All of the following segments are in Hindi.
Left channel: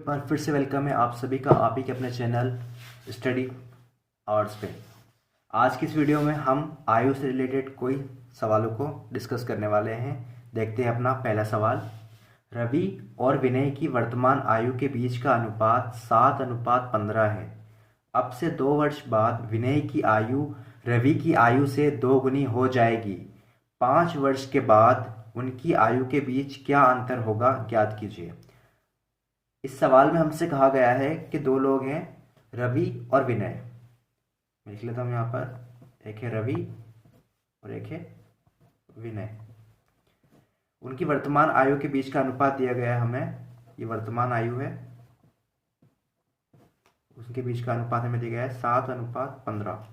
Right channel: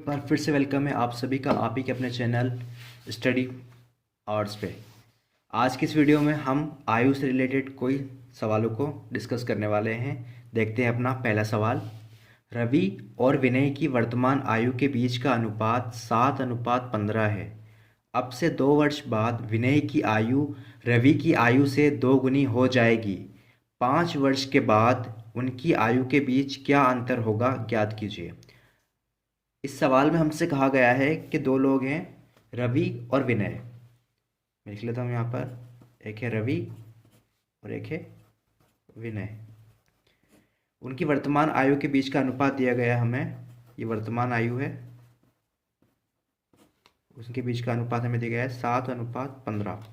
एक बार फिर से वेलकम है आप सभी का आप ही के अपने चैनल स्टडी आवर्स पे। आज की इस वीडियो में हम आयु से रिलेटेड कोई सवालों को डिस्कस करने वाले हैं। देखते हैं अपना पहला सवाल। रवि और विनय की वर्तमान आयु के बीच का अनुपात 7:15 है। अब से 2 वर्ष बाद विनय की आयु रवि की आयु से 2 गुनी हो जाएगी। 5 वर्ष के बाद उनकी आयु के बीच क्या अंतर होगा, ज्ञात कीजिए। इस सवाल में हमसे कहा गया है कि दो लोग हैं, रवि और विनय। मैं लिख लेता हूँ यहाँ पर, एक है रवि और एक है विनय। उनकी वर्तमान आयु के बीच का अनुपात दिया गया है हमें। ये वर्तमान आयु है, उसके बीच का अनुपात हमें दिया गया है 7:15।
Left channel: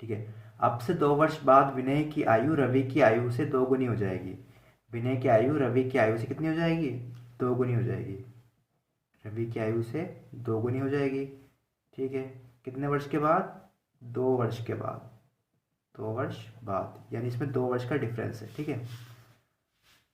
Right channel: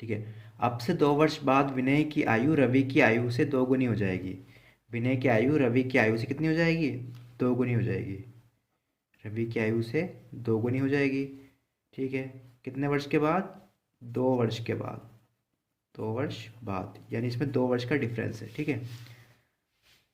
ठीक है। अब से 2 वर्ष बाद विनय की आयु रवि की आयु से 2 गुनी हो जाएगी। विनय की आयु रवि की आयु से कितनी हो जाएगी? 2 गुनी हो जाएगी। रवि की आयु से 2 गुनी हो जाएगी। ठीक है। कितने वर्ष के बाद? 2 वर्ष के बाद। 2 वर्ष बाद, यानी इसमें 2 वर्ष का डिफरेंस है। ठीक है।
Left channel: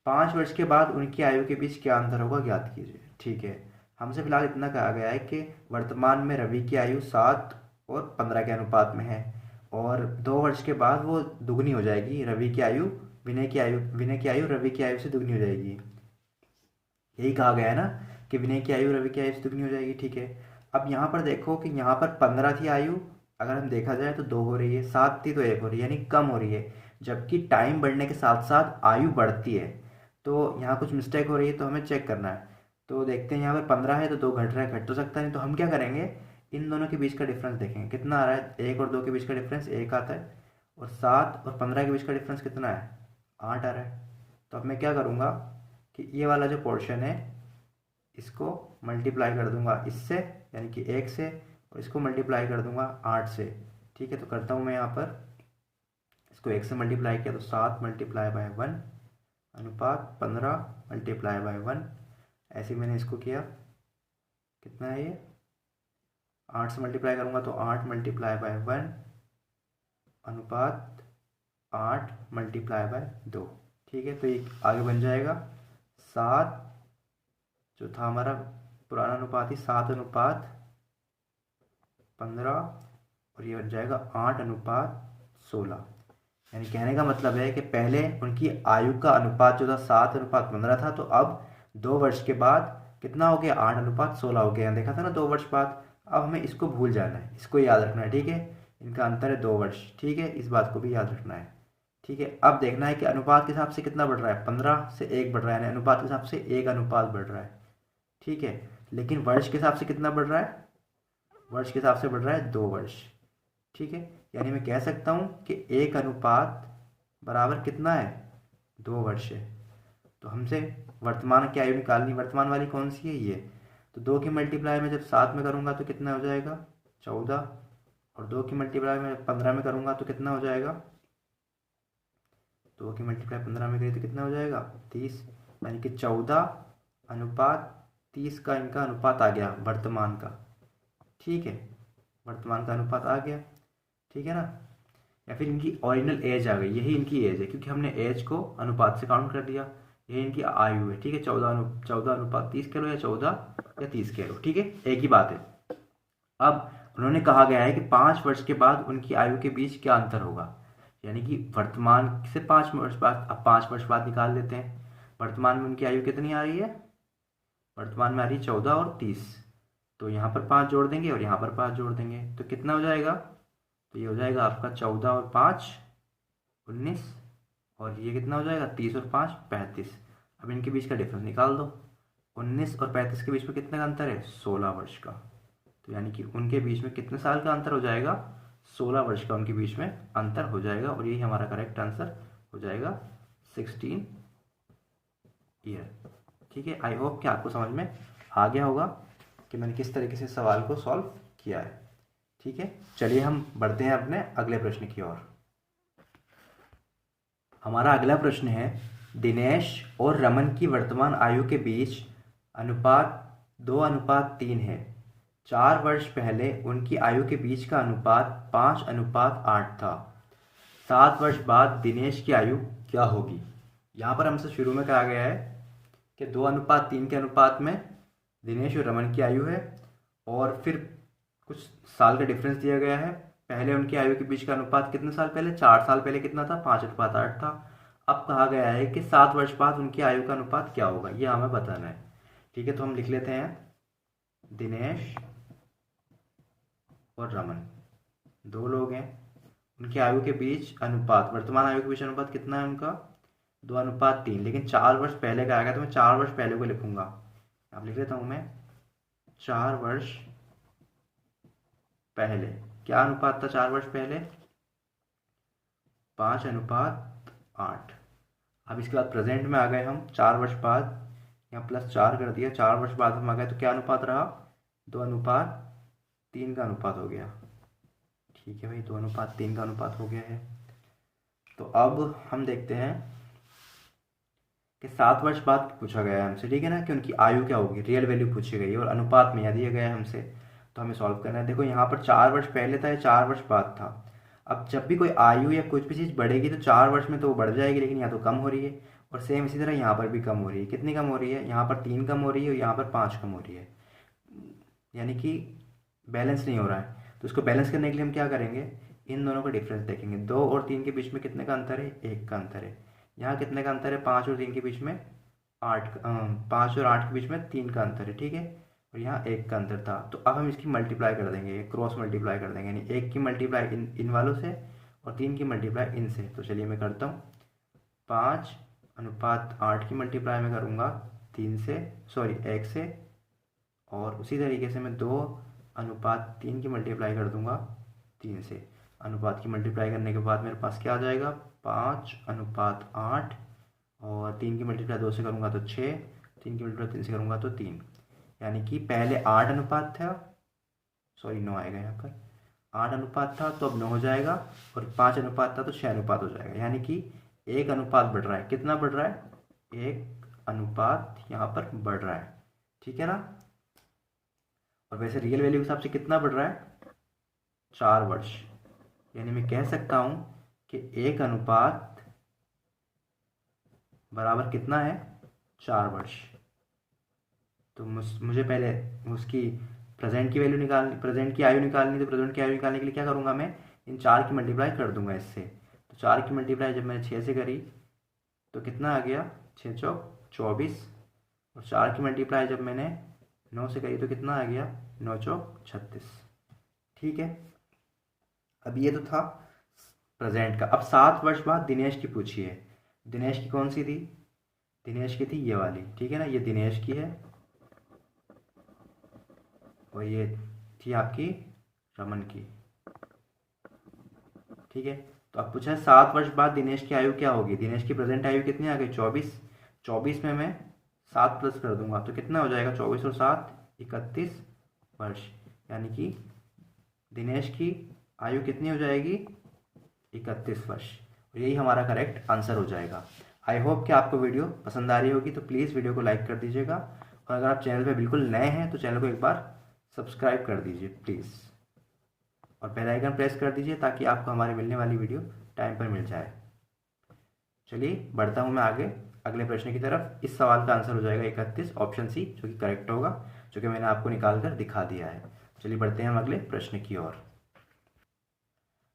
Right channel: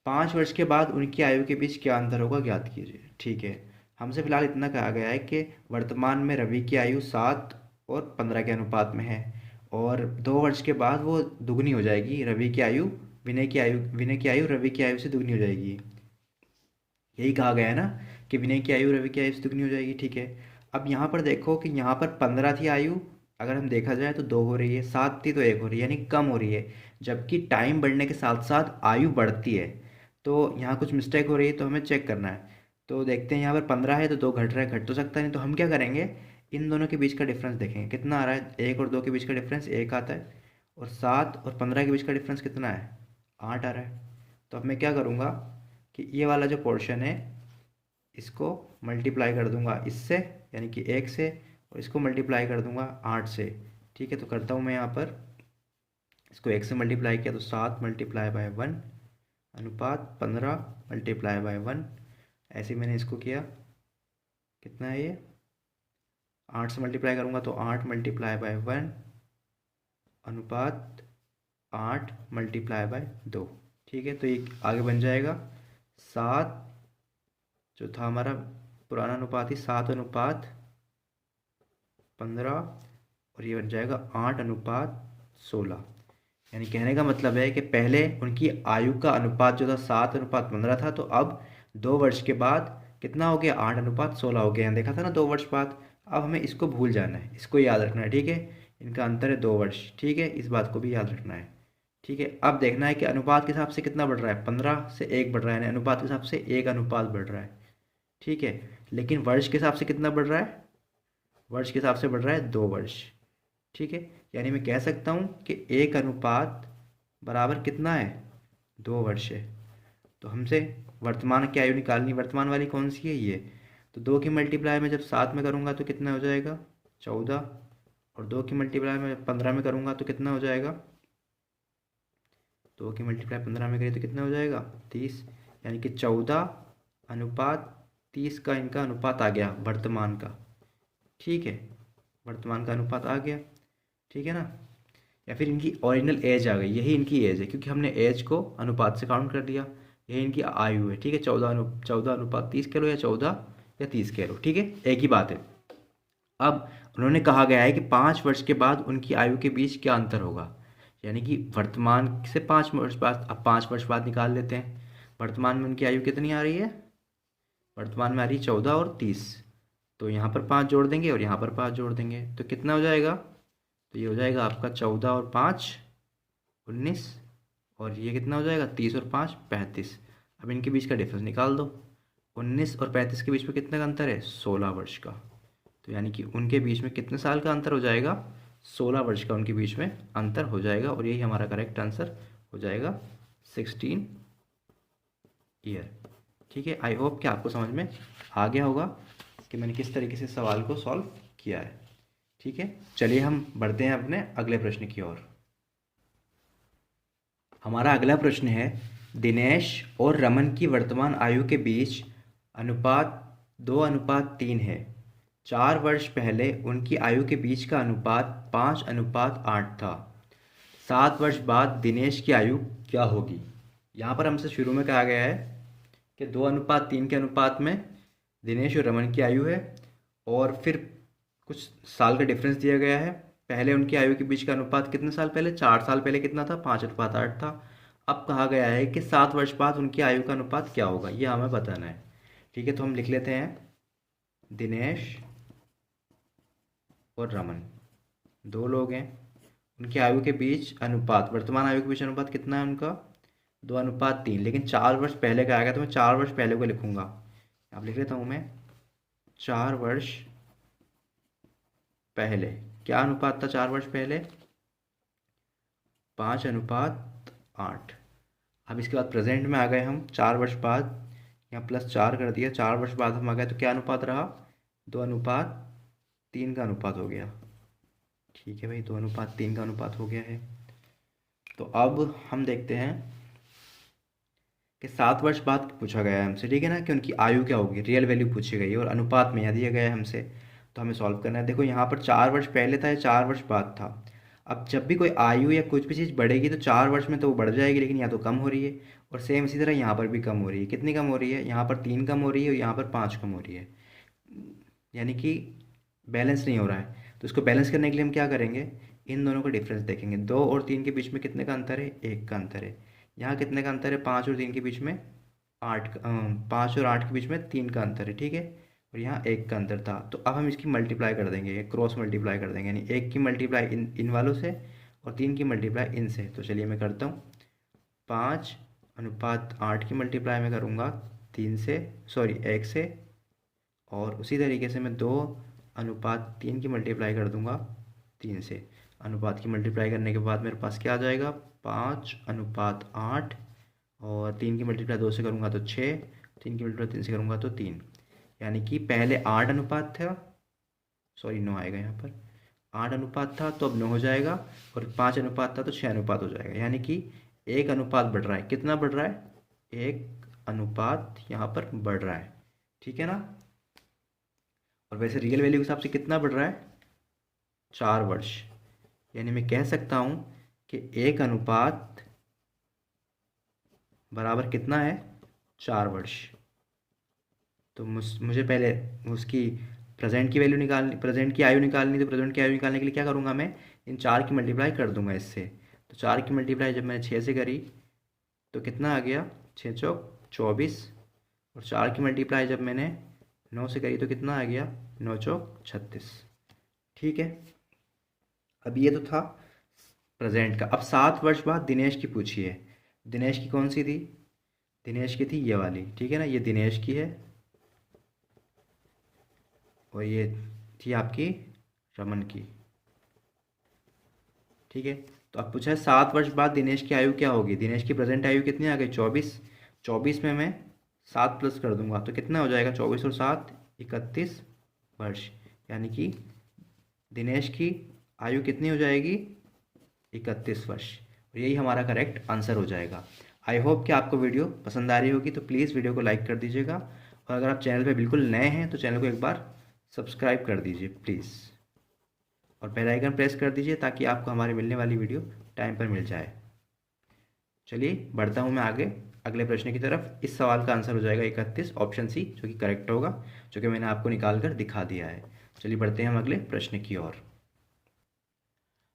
5 वर्ष के बाद उनकी आयु के बीच क्या अंतर होगा, ज्ञात कीजिए। ठीक है। हमसे फिलहाल इतना कहा गया है कि वर्तमान में रवि की आयु 7 और 15 के अनुपात में है, और 2 वर्ष के बाद वो दुगनी हो जाएगी। रवि की आयु विनय की आयु रवि की आयु से दुगनी हो जाएगी। यही कहा गया है ना कि विनय की आयु रवि की आयु से दुगनी हो जाएगी। ठीक है। अब यहाँ पर देखो कि यहाँ पर 15 थी आयु, अगर हम देखा जाए तो 2 हो रही है, 7 थी तो 1 हो रही है, यानी कम हो रही है। जबकि टाइम बढ़ने के साथ साथ आयु बढ़ती है, तो यहाँ कुछ मिस्टेक हो रही है, तो हमें चेक करना है। तो देखते हैं, यहाँ पर 15 है तो 2 घट रहा है, घट तो सकता नहीं। तो हम क्या करेंगे, इन दोनों के बीच का डिफरेंस देखेंगे कितना आ रहा है। 1 और 2 के बीच का डिफरेंस 1 आता है, और 7 और 15 के बीच का डिफरेंस कितना है? 8 आ रहा है। तो अब मैं क्या करूँगा कि ये वाला जो पोर्शन है इसको मल्टीप्लाई कर दूंगा इससे, यानी कि 1 से, और इसको मल्टीप्लाई कर दूंगा 8 से। ठीक है। तो करता हूँ मैं यहाँ पर, इसको 1 से मल्टीप्लाई किया तो 7 × 1 अनुपात 15 × 1। ऐसे ही मैंने इसको किया, कितना है ये? 8 से मल्टीप्लाई करूँगा तो 8 × 1 अनुपात 8 × 2। ठीक है। तो ये आगे बन जाएगा 7, जो था हमारा पुराना अनुपात ही 7:15, और ये बन जाएगा 8:16। यानी कहने का मतलब है कि पहले उनकी आयु का अनुपात जो था 7:15 था, तो अब 2 वर्ष के बाद कितना हो गया? 8:16 हो गया। यहाँ देखा था ना 2 वर्ष बाद। अब हमें इसको भूल जाना है, इसको याद रखना है। ठीक है। इनका अंतर है 2 वर्ष। ठीक है। इस बात को भी याद रखना है। ठीक है। अब देखना है कि अनुपात के हिसाब से कितना बढ़ रहा है। 15 से 1 बढ़ रहा है, यानी अनुपात के हिसाब से 1 अनुपात बढ़ रहा है। ठीक है। लेकिन वर्ष के हिसाब से कितना बढ़ रहा है? वर्ष के हिसाब से बढ़ रहा है 2 वर्ष। ठीक है। यानी मैं कह सकता हूँ कि 1 अनुपात बराबर कितना है? 2 वर्ष है। तो हमसे वर्तमान की आयु निकालनी, वर्तमान वाली कौन सी है? ये। तो 2 की मल्टीप्लाई में जब 7 में करूँगा तो कितना हो जाएगा? 14। और 2 की मल्टीप्लाई में 15 में करूँगा तो कितना हो जाएगा? 2 की मल्टीप्लाई 15 में करी तो कितना हो जाएगा? 30। यानी कि 14:30 का इनका अनुपात आ गया वर्तमान का। ठीक है। वर्तमान का अनुपात आ गया। ठीक है ना। या फिर इनकी ओरिजिनल एज आ गई, यही इनकी एज है, क्योंकि हमने एज को अनुपात से काउंट कर दिया। यही इनकी आयु है। ठीक है। 14:30 कह लो, या 14 या 30 कह लो। ठीक है। एक ही बात है। अब उन्होंने कहा गया है कि 5 वर्ष के बाद उनकी आयु के बीच क्या अंतर होगा, यानी कि वर्तमान से 5 वर्ष बाद। अब 5 वर्ष बाद निकाल लेते हैं। वर्तमान में उनकी आयु कितनी आ रही है? वर्तमान में आ रही है 14 और 30। तो यहाँ पर 5 जोड़ देंगे और यहाँ पर 5 जोड़ देंगे तो कितना हो जाएगा? तो ये हो जाएगा आपका 14 और 5 19, और ये कितना हो जाएगा? 30 और 5 35। अब इनके बीच का डिफरेंस निकाल दो। 19 और 35 के बीच में कितने का अंतर है? 16 वर्ष का। तो यानी कि उनके बीच में कितने साल का अंतर हो जाएगा? 16 वर्ष का उनके बीच में अंतर हो जाएगा, और यही हमारा करेक्ट आंसर हो जाएगा 16 ईयर। ठीक है। आई होप कि आपको समझ में आ गया होगा कि मैंने किस तरीके से सवाल को सॉल्व किया है। ठीक है। चलिए हम बढ़ते हैं अपने अगले प्रश्न की ओर। हमारा अगला प्रश्न है, दिनेश और रमन की वर्तमान आयु के बीच अनुपात 2:3 है। 4 वर्ष पहले उनकी आयु के बीच का अनुपात 5:8 था। 7 वर्ष बाद दिनेश की आयु क्या होगी? यहाँ पर हमसे शुरू में कहा गया है कि 2:3 के अनुपात में दिनेश और रमन की आयु है, और फिर कुछ साल का डिफरेंस दिया गया है। पहले उनकी आयु के बीच का अनुपात कितने साल पहले, 4 साल पहले कितना था, 5:8 था। अब कहा गया है कि 7 वर्ष बाद उनकी आयु का अनुपात क्या होगा, ये हमें बताना है। ठीक है, तो हम लिख लेते हैं दिनेश और रमन, दो लोग हैं। उनकी आयु के बीच अनुपात, वर्तमान आयु के बीच अनुपात कितना है उनका, 2:3। लेकिन 4 वर्ष पहले का आएगा तो मैं 4 वर्ष पहले को लिखूंगा। अब लिख लेता हूँ मैं 4 वर्ष पहले। क्या अनुपात था 4 वर्ष पहले, 5:8। अब इसके बाद प्रेजेंट में आ गए हम, 4 वर्ष बाद, यहाँ +4 कर दिया, 4 वर्ष बाद हम आ गए तो क्या अनुपात रहा, 2:3 का अनुपात हो गया। ठीक है भाई, 2:3 का अनुपात हो गया है। तो अब हम देखते हैं कि 7 वर्ष बाद पूछा गया है हमसे, ठीक है ना, कि उनकी आयु क्या होगी, रियल वैल्यू पूछी गई है और अनुपात में यह दिया गया है हमसे। तो हमें सॉल्व करना है। देखो यहाँ पर 4 वर्ष पहले था या 4 वर्ष बाद था। अब जब भी कोई आयु या कुछ भी चीज़ बढ़ेगी तो 4 वर्ष में तो वो बढ़ जाएगी, लेकिन या तो कम हो रही है, और सेम इसी तरह यहाँ पर भी कम हो रही है। कितनी कम हो रही है, यहाँ पर 3 कम हो रही है और यहाँ पर 5 कम हो रही है, यानी कि बैलेंस नहीं हो रहा है। तो इसको बैलेंस करने के लिए हम क्या करेंगे, इन दोनों का डिफरेंस देखेंगे। 2 और 3 के बीच में कितने का अंतर है, 1 का अंतर है। यहाँ कितने का अंतर है, 5 और 3 के बीच में 5 और 8 के बीच में 3 का अंतर है, ठीक है। और यहाँ 1 का अंतर था, तो अब हम इसकी मल्टीप्लाई कर देंगे, क्रॉस मल्टीप्लाई कर देंगे, यानी 1 की मल्टीप्लाई इन वालों से और 3 की मल्टीप्लाई इनसे। तो चलिए मैं करता हूँ, 5:8 की मल्टीप्लाई मैं करूँगा 3 से, सॉरी 1 से, और उसी तरीके से मैं 2:3 की मल्टीप्लाई कर दूंगा 3 से। अनुपात की मल्टीप्लाई करने के बाद मेरे पास क्या आ जाएगा, 5:8, और 3 की मल्टीप्लाई 2 से करूँगा तो 6, 3 की मल्टीप्लाई 3 से करूँगा तो 3। यानी कि पहले 8 अनुपात था, सॉरी 9 आएगा यहाँ पर, 8 अनुपात था तो अब 9 हो जाएगा, और 5 अनुपात था तो 6 अनुपात हो जाएगा। यानी कि 1 अनुपात बढ़ रहा है। कितना बढ़ रहा है, 1 अनुपात यहाँ पर बढ़ रहा है, ठीक है ना। और वैसे रियल वैल्यू के हिसाब से कितना बढ़ रहा है, 4 वर्ष। यानी मैं कह सकता हूँ कि 1 अनुपात बराबर कितना है, 4 वर्ष। तो मुझे पहले उसकी प्रेजेंट की वैल्यू निकालनी, प्रेजेंट की आयु निकालनी, तो प्रेजेंट की आयु निकालने के लिए क्या करूँगा, मैं इन 4 की मल्टीप्लाई कर दूंगा इससे। तो 4 की मल्टीप्लाई जब मैंने 6 से करी तो कितना आ गया, 6 चौक 24, और 4 की मल्टीप्लाई जब मैंने 9 से करी तो कितना आ गया, 9 चौक 36। ठीक है, अब ये तो था प्रेजेंट का। अब 7 वर्ष बाद दिनेश की पूछिए। दिनेश की कौन सी थी, दिनेश की थी ये वाली, ठीक है ना, ये दिनेश की है, और ये थी आपकी रमन की, ठीक है। तो अब पूछा है 7 वर्ष बाद दिनेश की आयु क्या होगी। दिनेश की प्रेजेंट आयु कितनी आ गई, 24। 24 में मैं 7 प्लस कर दूंगा तो कितना हो जाएगा, 24 और 7 31 वर्ष। यानी कि दिनेश की आयु कितनी हो जाएगी, 31 वर्ष। और यही हमारा करेक्ट आंसर हो जाएगा। आई होप कि आपको वीडियो पसंद आ रही होगी, तो प्लीज़ वीडियो को लाइक कर दीजिएगा, और अगर आप चैनल पे बिल्कुल नए हैं तो चैनल को एक बार सब्सक्राइब कर दीजिए प्लीज़, और बेल आइकन प्रेस कर दीजिए ताकि आपको हमारी मिलने वाली वीडियो टाइम पर मिल जाए। चलिए बढ़ता हूँ मैं आगे अगले प्रश्न की तरफ। इस सवाल का आंसर हो जाएगा 31, ऑप्शन सी, जो कि करेक्ट होगा, जो कि मैंने आपको निकाल कर दिखा दिया है। चलिए बढ़ते हैं हम अगले प्रश्न की ओर।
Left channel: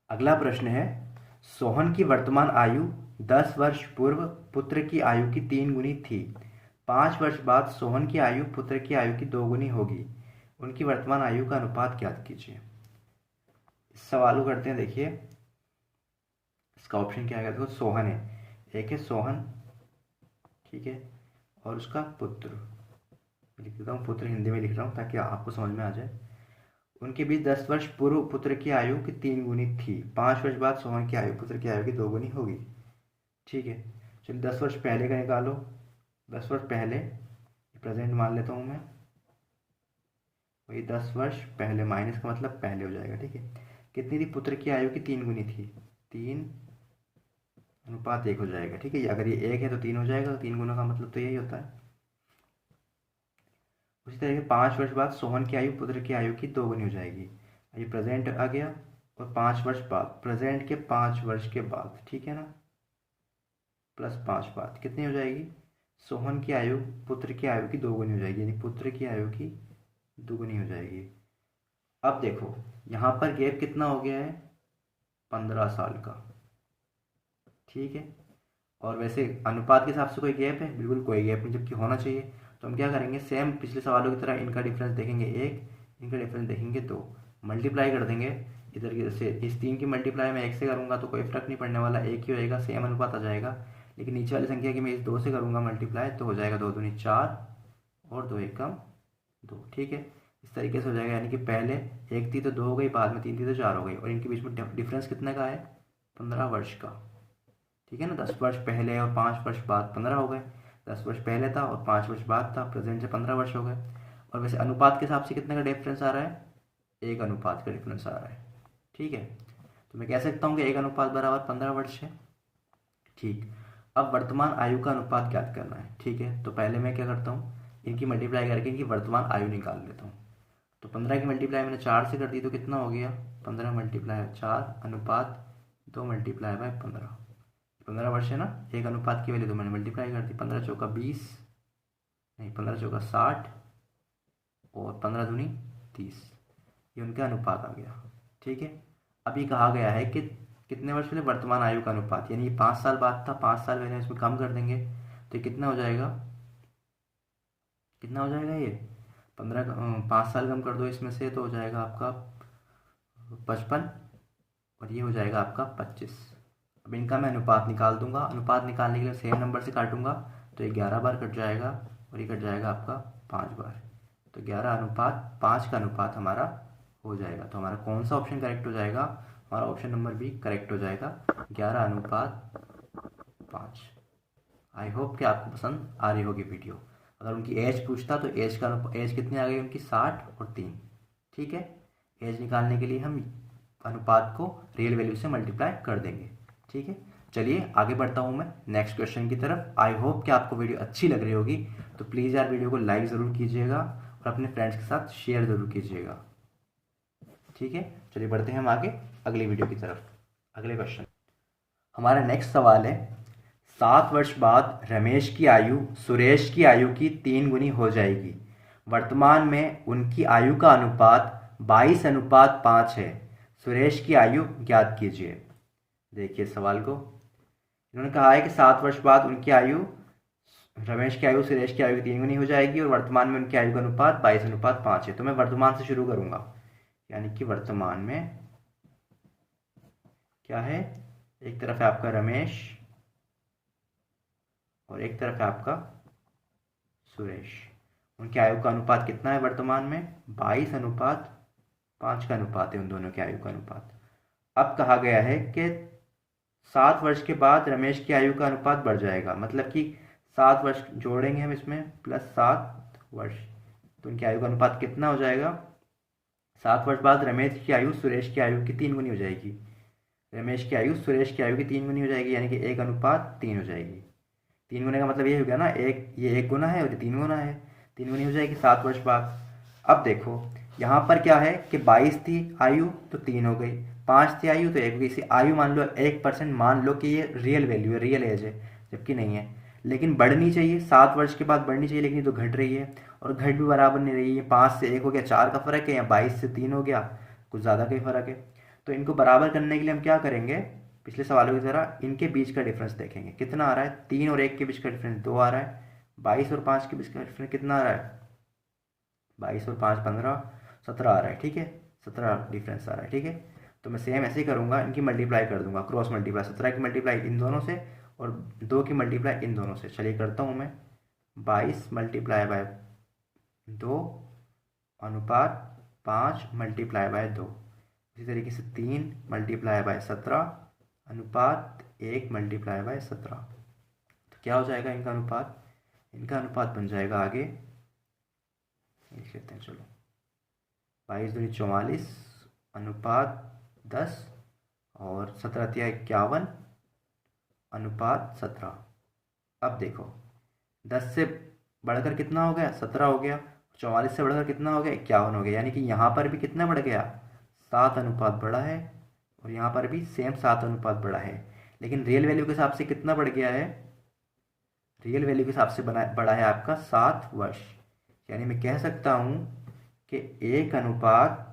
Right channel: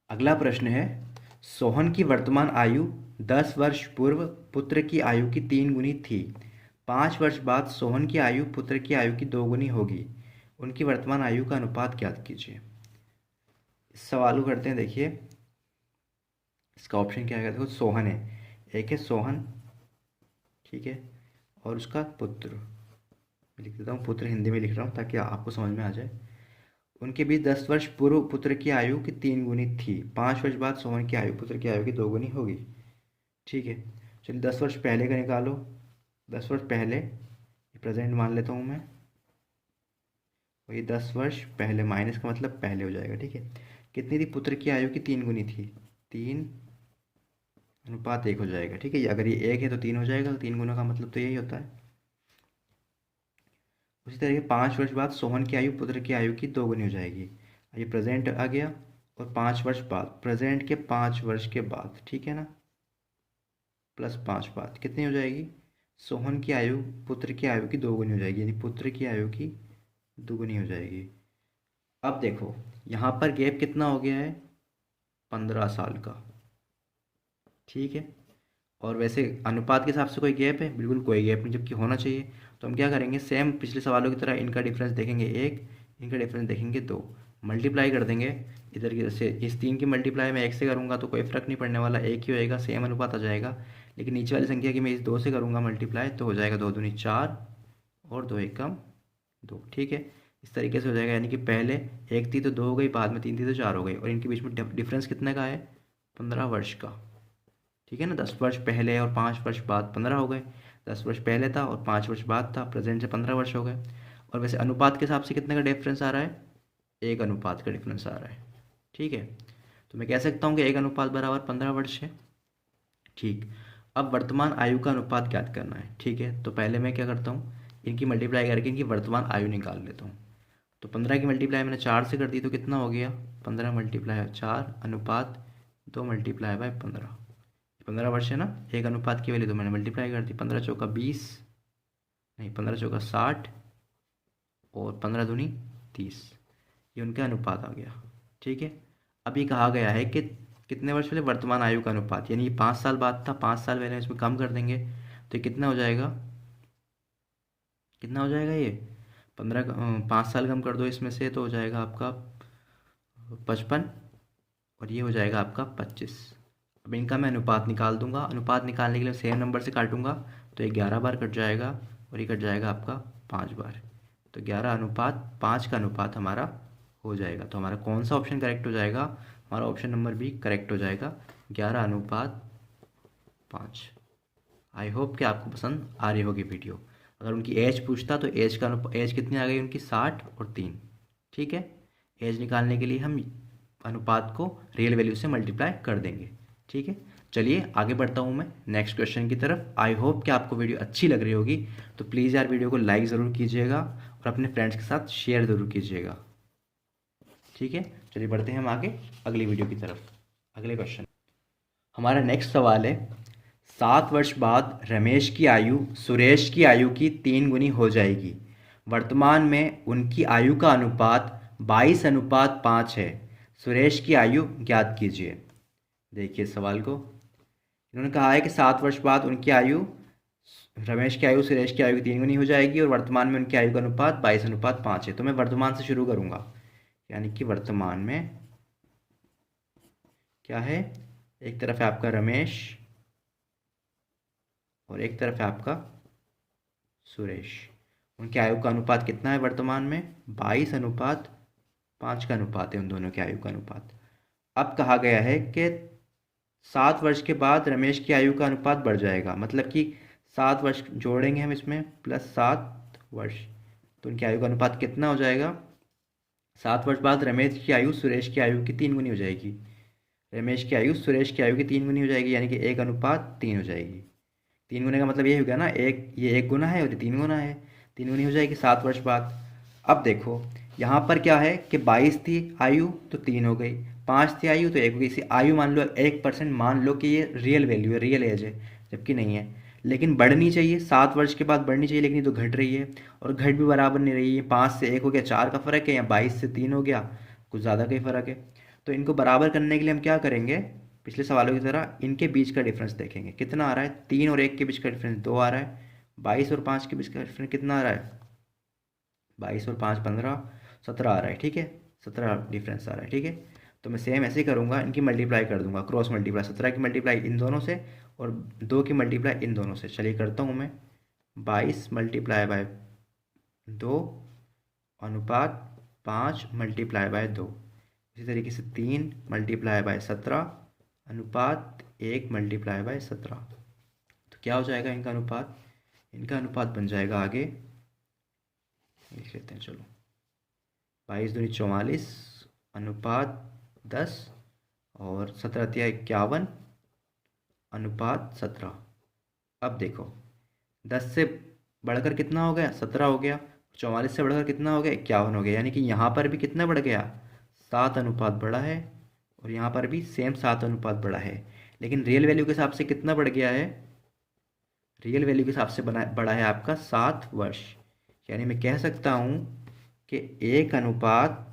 अगला प्रश्न है, सोहन की वर्तमान आयु 10 वर्ष पूर्व पुत्र की आयु की 3 गुनी थी। 5 वर्ष बाद सोहन की आयु पुत्र की आयु की 2 गुनी होगी। उनकी वर्तमान आयु का अनुपात ज्ञात कीजिए। इस सवाल को करते हैं, देखिए इसका ऑप्शन क्या है, देखो सोहन है, एक है सोहन, ठीक है, और उसका पुत्र, लिख देता हूँ पुत्र, हिंदी में लिख रहा हूँ ताकि आपको समझ में आ जाए। उनके बीच 10 वर्ष पूर्व पुत्र की आयु की 3 गुनी थी। 5 वर्ष बाद सोहन की आयु पुत्र की आयु की 2 गुनी होगी, ठीक है। चलिए 10 वर्ष पहले का निकालो। 10 वर्ष पहले, प्रेजेंट मान लेता हूँ मैं, वही 10 वर्ष पहले, माइनस का मतलब पहले हो जाएगा, ठीक है। कितनी थी, पुत्र की आयु की 3 गुनी थी, 3:1 हो जाएगा, ठीक है। अगर ये 1 है तो 3 हो जाएगा, तो 3 गुना का मतलब तो यही होता है। उसी तरह 5 वर्ष बाद सोहन की आयु पुत्र की आयु की 2 गुनी हो जाएगी। ये प्रेजेंट आ गया, और 5 वर्ष बाद, प्रेजेंट के 5 वर्ष के बाद, ठीक है ना, +5 बाद कितनी हो जाएगी, सोहन की आयु पुत्र की आयु की दोगुनी हो जाएगी, यानी पुत्र की आयु की दोगुनी हो जाएगी। अब देखो यहाँ पर गैप कितना हो गया है, 15 साल का, ठीक है। और वैसे अनुपात के हिसाब से कोई गैप है, बिल्कुल कोई गैप नहीं, जबकि होना चाहिए। तो हम क्या करेंगे, सेम पिछले सवालों की तरह इनका डिफरेंस देखेंगे 1, इनका डिफरेंस देखेंगे 2, मल्टीप्लाई कर देंगे। इधर की से इस 3 की मल्टीप्लाई मैं 1 से करूँगा तो कोई फ़र्क नहीं पड़ने वाला, एक ही होएगा, सेम अनुपात आ जाएगा। लेकिन नीचे वाली संख्या की मैं इस 2 से करूँगा मल्टीप्लाई, तो हो जाएगा 2 दूनी 4 और 2 एकम 2, ठीक है। इस तरीके से हो जाएगा, यानी कि पहले 1 थी तो 2 हो गई, बाद में 3 थी तो 4 हो गई, और इनके बीच में डिफरेंस कितने का है, 15 वर्ष का, ठीक है ना। 10 वर्ष पहले और 5 वर्ष बाद 15 हो गए, 10 वर्ष पहले था और 5 वर्ष बाद था, प्रेजेंट से 15 वर्ष हो गए। और वैसे अनुपात के हिसाब से कितने का डिफरेंस आ रहा है, 1 अनुपात का डिफरेंस आ रहा है, ठीक है। तो मैं कह सकता हूँ कि 1 अनुपात बराबर 15 वर्ष है, ठीक। अब वर्तमान आयु का अनुपात ज्ञात करना है, ठीक है। तो पहले मैं क्या करता हूँ, इनकी मल्टीप्लाई करके इनकी वर्तमान आयु निकाल लेता हूँ। तो 15 की मल्टीप्लाई मैंने 4 से कर दी, तो कितना हो गया, 15 मल्टीप्लाई 4 अनुपात 2 मल्टीप्लाई बाय 15, 15 वर्ष है ना, 1 अनुपात की वैल्यू तो मैंने मल्टीप्लाई कर दी, 15 चौका 20, नहीं 15 चौका 60 और 15 दूनी 30, ये उनका अनुपात आ गया, ठीक है। अभी कहा गया है कि कितने वर्ष पहले वर्तमान आयु का अनुपात, यानी ये 5 साल बाद था, 5 साल पहले इसमें कम कर देंगे तो ये कितना हो जाएगा, कितना हो जाएगा ये 15, 5 साल कम कर दो इसमें से तो हो जाएगा आपका 55, और ये हो जाएगा आपका 25। अब इनका मैं अनुपात निकाल दूंगा, अनुपात निकालने के लिए सेम नंबर से काटूंगा, तो ये 11 बार कट जाएगा और ये कट जाएगा आपका 5 बार, तो 11:5 का अनुपात हमारा हो जाएगा। तो हमारा कौन सा ऑप्शन करेक्ट हो जाएगा, हमारा ऑप्शन नंबर बी करेक्ट हो जाएगा, 11:5। आई होप कि आपको पसंद आ रही होगी वीडियो। अगर उनकी एज पूछता तो एज कितनी आ गई उनकी, 60 और 3, ठीक है। एज निकालने के लिए हम अनुपात को रियल वैल्यू से मल्टीप्लाई कर देंगे, ठीक है। चलिए आगे बढ़ता हूँ मैं नेक्स्ट क्वेश्चन की तरफ। आई होप कि आपको वीडियो अच्छी लग रही होगी, तो प्लीज़ यार वीडियो को लाइक ज़रूर कीजिएगा और अपने फ्रेंड्स के साथ शेयर ज़रूर कीजिएगा, ठीक है। चलिए बढ़ते हैं हम आगे अगली वीडियो की तरफ। अगले क्वेश्चन, हमारा नेक्स्ट सवाल है, 7 वर्ष बाद रमेश की आयु सुरेश की आयु की 3 गुनी हो जाएगी। वर्तमान में उनकी आयु का अनुपात 22:5 है। सुरेश की आयु ज्ञात कीजिए। देखिए सवाल को, इन्होंने कहा है कि 7 वर्ष बाद उनकी आयु, रमेश की आयु सुरेश की आयु की 3 गुनी हो जाएगी और वर्तमान में उनकी आयु का अनुपात 22:5 है। तो मैं वर्तमान से शुरू करूंगा, यानी कि वर्तमान में क्या है, एक तरफ है आपका रमेश और एक तरफ है आपका सुरेश। उनकी आयु का अनुपात कितना है वर्तमान में, 22:5 का अनुपात है उन दोनों की आयु का अनुपात। अब कहा गया है कि 7 वर्ष के बाद रमेश की आयु का अनुपात बढ़ जाएगा, मतलब कि 7 वर्ष जोड़ेंगे हम इसमें प्लस 7 वर्ष, तो उनकी आयु का अनुपात कितना हो जाएगा, 7 वर्ष बाद रमेश की आयु सुरेश की आयु की 3 गुनी हो जाएगी। रमेश की आयु सुरेश की आयु की 3 गुनी हो जाएगी, यानी कि 1:3 हो जाएगी। 3 गुने का मतलब ये हो गया ना, ये 1 गुना है और ये 3 गुना है, 3 गुनी हो जाएगी 7 वर्ष बाद। अब देखो यहाँ पर क्या है कि 22 थी आयु तो 3 हो गई, 5 थी आयु तो 1 हो गई। इसी आयु मान लो 1% मान लो कि ये रियल वैल्यू है, रियल एज है, जबकि नहीं है। लेकिन बढ़नी चाहिए, 7 वर्ष के बाद बढ़नी चाहिए, लेकिन ये तो घट रही है और घट भी बराबर नहीं रही है। 5 से 1 हो गया, 4 का फ़र्क है, या 22 से 3 हो गया, कुछ ज़्यादा का ही फ़र्क है। तो इनको बराबर करने के लिए हम क्या करेंगे, पिछले सवालों की तरह इनके बीच का डिफरेंस देखेंगे कितना आ रहा है। 3 और 1 के बीच का डिफरेंस 2 आ रहा है। 22 और 5 के बीच का डिफरेंस कितना आ रहा है, 22 और 5 15, 17 आ रहा है, ठीक है। 17 डिफरेंस आ रहा है, ठीक है। तो मैं सेम ऐसे ही करूँगा, इनकी मल्टीप्लाई कर दूंगा, क्रॉस मल्टीप्लाई, 17 की मल्टीप्लाई इन दोनों से और 2 की मल्टीप्लाई इन दोनों से। चलिए करता हूँ मैं, 22 मल्टीप्लाई बाय 2 अनुपात 5 मल्टीप्लाई बाय 2, इसी तरीके से 3 मल्टीप्लाई बाय 17 अनुपात 1 मल्टीप्लाई बाय 17। तो क्या हो जाएगा इनका अनुपात, इनका अनुपात बन जाएगा आगे लिख लेते हैं, चलो 22 दूनी 44 अनुपात 10 और 17 तिया 51 अनुपात 17। अब देखो 10 से बढ़कर कितना हो गया, 17 हो गया, 44 से बढ़कर कितना हो गया, 51 हो गया, यानी कि यहाँ पर भी कितना बढ़ गया, 7 अनुपात बढ़ा है और यहाँ पर भी सेम 7 अनुपात बढ़ा है। लेकिन रियल वैल्यू के हिसाब से कितना बढ़ गया है, रियल वैल्यू के हिसाब से बड़ा है आपका 7 वर्ष। यानी मैं कह सकता हूँ कि 1 अनुपात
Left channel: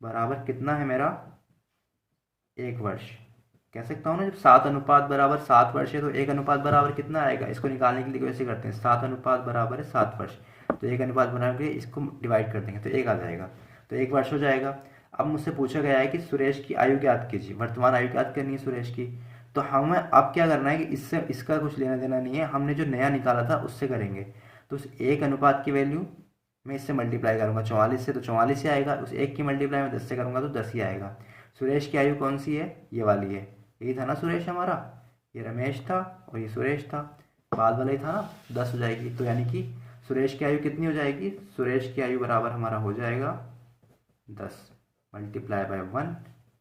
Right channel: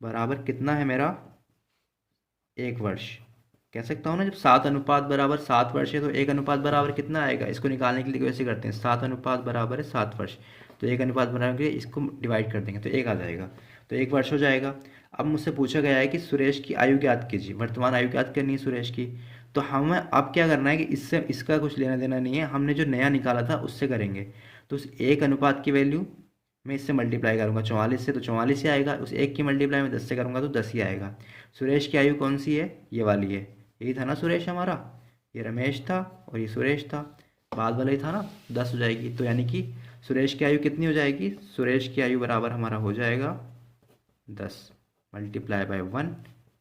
बराबर कितना है मेरा, 1 वर्ष। कह सकता हूँ ना, जब 7 अनुपात बराबर 7 वर्ष है तो 1 अनुपात बराबर कितना आएगा। इसको निकालने के लिए वैसे करते हैं, 7 अनुपात बराबर है 7 वर्ष, तो 1 अनुपात बराबर इसको डिवाइड कर देंगे तो 1 आ जाएगा, तो 1 वर्ष हो जाएगा। अब मुझसे पूछा गया है कि सुरेश की आयु ज्ञात कीजिए, वर्तमान आयु ज्ञात करनी है सुरेश की। तो हमें अब क्या करना है कि इससे इसका कुछ लेना देना नहीं है, हमने जो नया निकाला था उससे करेंगे। तो उस 1 अनुपात की वैल्यू मैं इससे मल्टीप्लाई करूंगा 44 से, तो 44 ही आएगा। उस 1 की मल्टीप्लाई मैं 10 से करूंगा तो 10 ही आएगा। सुरेश की आयु कौन सी है, ये वाली है। यही था ना सुरेश हमारा, ये रमेश था और ये सुरेश था, बाद वाला ही था ना, 10 हो जाएगी। तो यानी कि सुरेश की आयु कितनी हो जाएगी, सुरेश की आयु बराबर हमारा हो जाएगा 10 मल्टीप्लाई बाय 1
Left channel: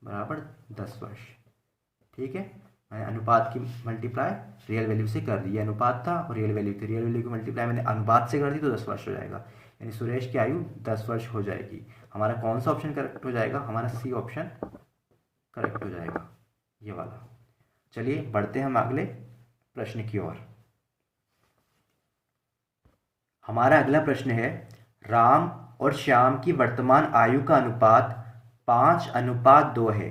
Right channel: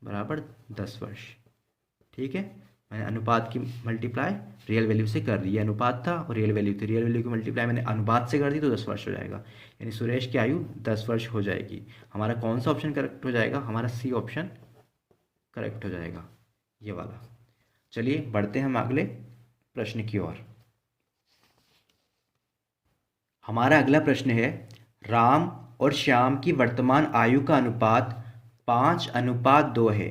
बराबर 10 वर्ष। ठीक है, मैंने अनुपात की मल्टीप्लाई रियल वैल्यू से कर दी, ये अनुपात था और रियल वैल्यू थी, रियल वैल्यू की मल्टीप्लाई मैंने अनुपात से कर दी तो 10 वर्ष हो जाएगा। यानी सुरेश की आयु 10 वर्ष हो जाएगी। हमारा कौन सा ऑप्शन करेक्ट हो जाएगा, हमारा सी ऑप्शन करेक्ट हो जाएगा, ये वाला। चलिए बढ़ते हैं हम अगले प्रश्न की ओर। हमारा अगला प्रश्न है, राम और श्याम की वर्तमान आयु का अनुपात 5:2 है।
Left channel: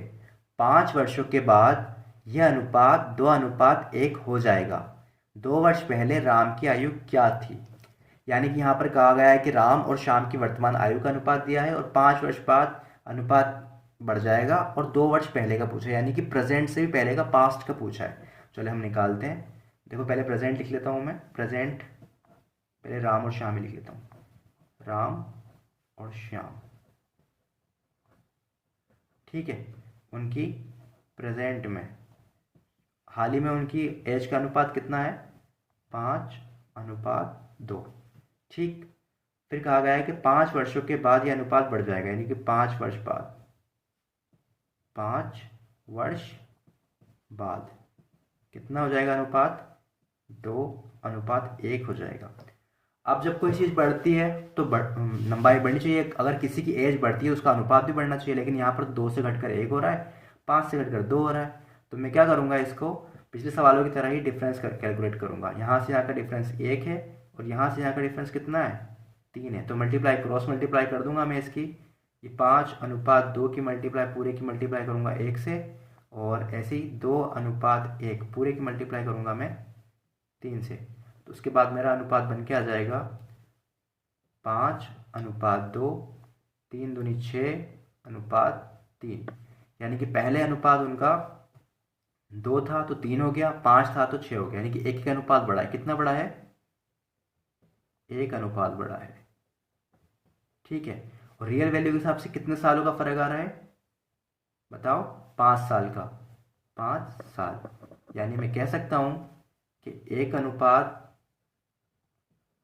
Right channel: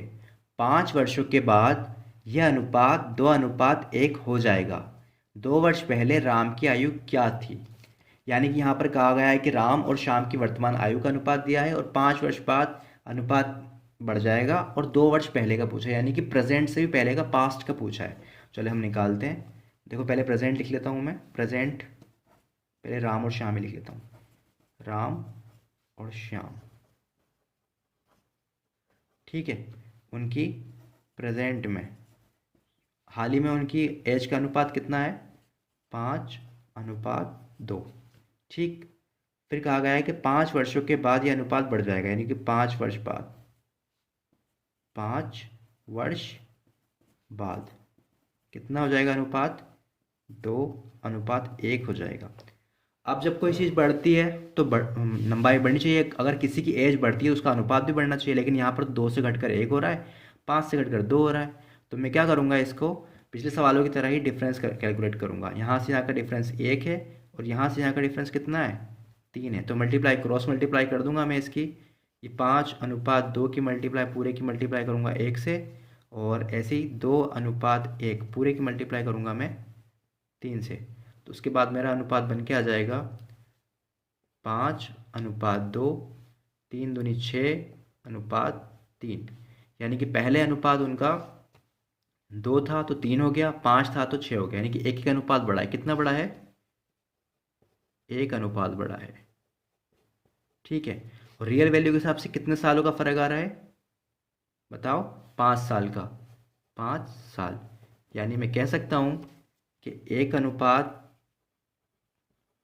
5 वर्षों के बाद यह अनुपात 2:1 हो जाएगा। 2 वर्ष पहले राम की आयु क्या थी। यानी कि यहाँ पर कहा गया है कि राम और श्याम की वर्तमान आयु का अनुपात दिया है और 5 वर्ष बाद अनुपात बढ़ जाएगा और 2 वर्ष पहले का पूछा है, यानी कि प्रेजेंट से भी पहले का, पास्ट का पूछा है। चलो हम निकालते हैं। देखो पहले प्रेजेंट लिख लेता हूँ मैं, प्रेजेंट पहले राम और श्याम ही लिख लेता हूँ, राम और श्याम। ठीक है, उनकी प्रेजेंट में हाल ही में उनकी एज का अनुपात कितना है, 5:2। ठीक, फिर कहा गया है कि 5 वर्षों के बाद यह अनुपात बढ़ जाएगा, यानी कि 5 वर्ष बाद, 5 वर्ष बाद कितना हो जाएगा अनुपात, 2:1 हो जाएगा। अब जब कोई चीज़ बढ़ती है तो लंबाई बढ़नी चाहिए। अगर किसी की एज बढ़ती है उसका अनुपात भी बढ़ना चाहिए, लेकिन यहाँ पर 2 से घटकर 1 हो रहा है, 5 से घटकर 2 हो रहा है। तो मैं क्या करूँगा, इसको पिछले सवालों की तरह ही डिफरेंस कैलकुलेट करूँगा। यहाँ से यहाँ का डिफरेंस 1 है और यहाँ से यहाँ का डिफरेंस कितना है, 3 है। तो मल्टीप्लाई, क्रॉस मल्टीप्लाई कर दूंगा मैं इसकी, ये 5:2 की मल्टीप्लाई पूरे की मल्टीप्लाई करूँगा 1 से, और ऐसे ही 2:1 पूरे की मल्टीप्लाई करूँगा मैं 3 से। तो उसके बाद मेरा अनुपात बन के आ जाएगा 5:2, 3 दूनी 6:3। यानी कि पहले अनुपात उनका 2 था तो 3 हो गया, 5 था तो 6 हो गया, यानी कि 1 अनुपात बढ़ा है। कितना बड़ा है, 1 अनुपात बढ़ा है। ठीक है, और रियल वैल्यू के हिसाब से कितने सालों का फर्क आ रहा है, बताओ, 5 साल का, 5 साल। यानी मैं कह सकता हूं कि 1 अनुपात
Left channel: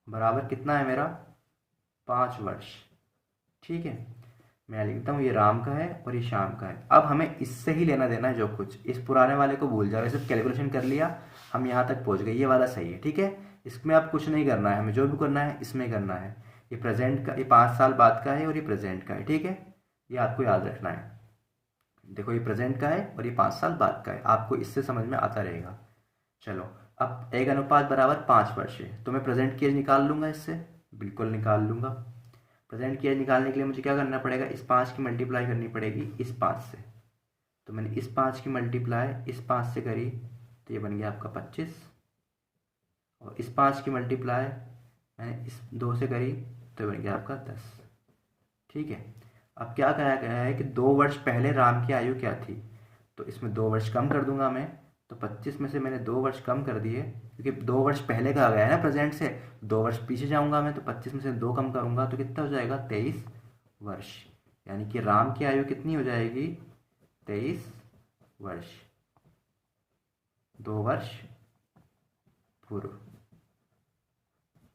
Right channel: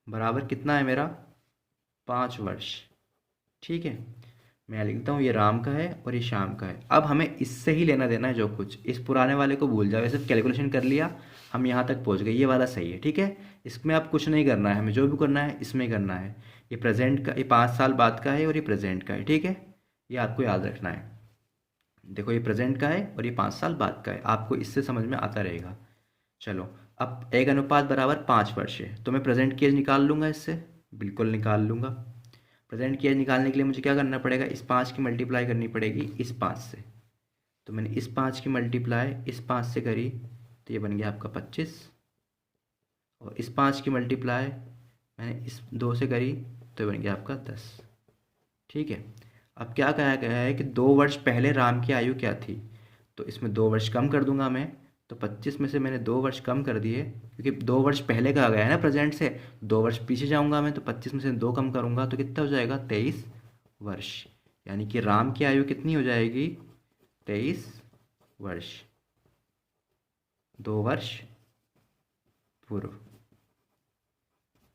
बराबर कितना है मेरा, 5 वर्ष। ठीक है, मैं लिखता हूँ ये राम का है और ये श्याम का है। अब हमें इससे ही लेना देना है जो कुछ, इस पुराने वाले को भूल जाओ, ये सिर्फ कैलकुलेशन कर लिया, हम यहाँ तक पहुँच गए, ये वाला सही है। ठीक है, इसमें अब कुछ नहीं करना है, हमें जो भी करना है इसमें करना है। ये प्रेजेंट का, ये 5 साल बाद का है और ये प्रेजेंट का है। ठीक है, ये आपको याद रखना है। देखो ये प्रेजेंट का है और ये 5 साल बाद का है, आपको इससे समझ में आता रहेगा। चलो, अब 1 अनुपात बराबर 5 वर्ष है, तो मैं प्रेजेंट की एज निकाल लूँगा इससे, बिल्कुल निकाल लूँगा। प्रेजेंट की एज निकालने के लिए मुझे क्या करना पड़ेगा, इस 5 की मल्टीप्लाई करनी पड़ेगी इस 5 से। तो मैंने इस 5 की मल्टीप्लाई इस 5 से करी तो ये बन गया आपका 25, और इस 5 की मल्टीप्लाई मैंने इस 2 से करी तो ये बन गया आपका 10। ठीक है, अब क्या कहा गया है कि 2 वर्ष पहले राम की आयु क्या थी, तो इसमें 2 वर्ष कम कर दूंगा मैं। तो 25 में से मैंने 2 वर्ष कम कर दिए, क्योंकि 2 वर्ष पहले का आ गया है ना प्रेजेंट से, 2 वर्ष पीछे जाऊंगा मैं, तो 25 में से 2 कम करूंगा तो कितना हो जाएगा, 23 वर्ष। यानी कि राम की आयु कितनी हो जाएगी, 23 वर्ष, 2 वर्ष पूर्व।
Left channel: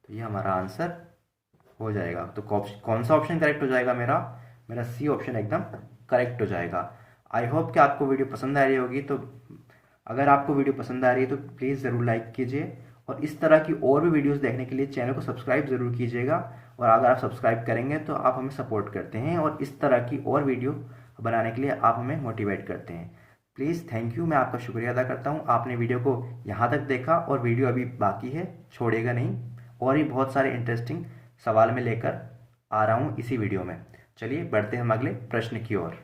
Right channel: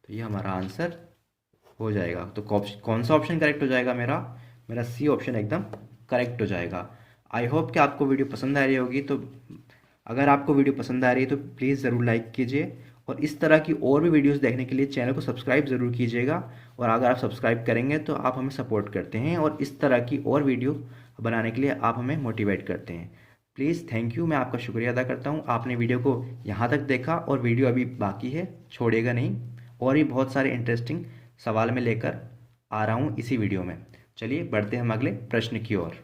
तो ये हमारा आंसर हो जाएगा। तो कौन सा ऑप्शन करेक्ट हो जाएगा मेरा, मेरा सी ऑप्शन एकदम करेक्ट हो जाएगा। आई होप कि आपको वीडियो पसंद आ रही होगी। तो अगर आपको वीडियो पसंद आ रही है तो प्लीज़ ज़रूर लाइक कीजिए, और इस तरह की और भी वीडियोस देखने के लिए चैनल को सब्सक्राइब ज़रूर कीजिएगा। और अगर आप सब्सक्राइब करेंगे तो आप हमें सपोर्ट करते हैं और इस तरह की और वीडियो बनाने के लिए आप हमें मोटिवेट करते हैं। प्लीज़ थैंक यू, मैं आपका शुक्रिया अदा करता हूँ, आपने वीडियो को यहाँ तक देखा और वीडियो अभी बाकी है, छोड़िएगा नहीं। और भी बहुत सारे इंटरेस्टिंग सवाल मैं लेकर आ रहा हूँ इसी वीडियो में। चलिए बढ़ते हैं हम अगले प्रश्न की ओर।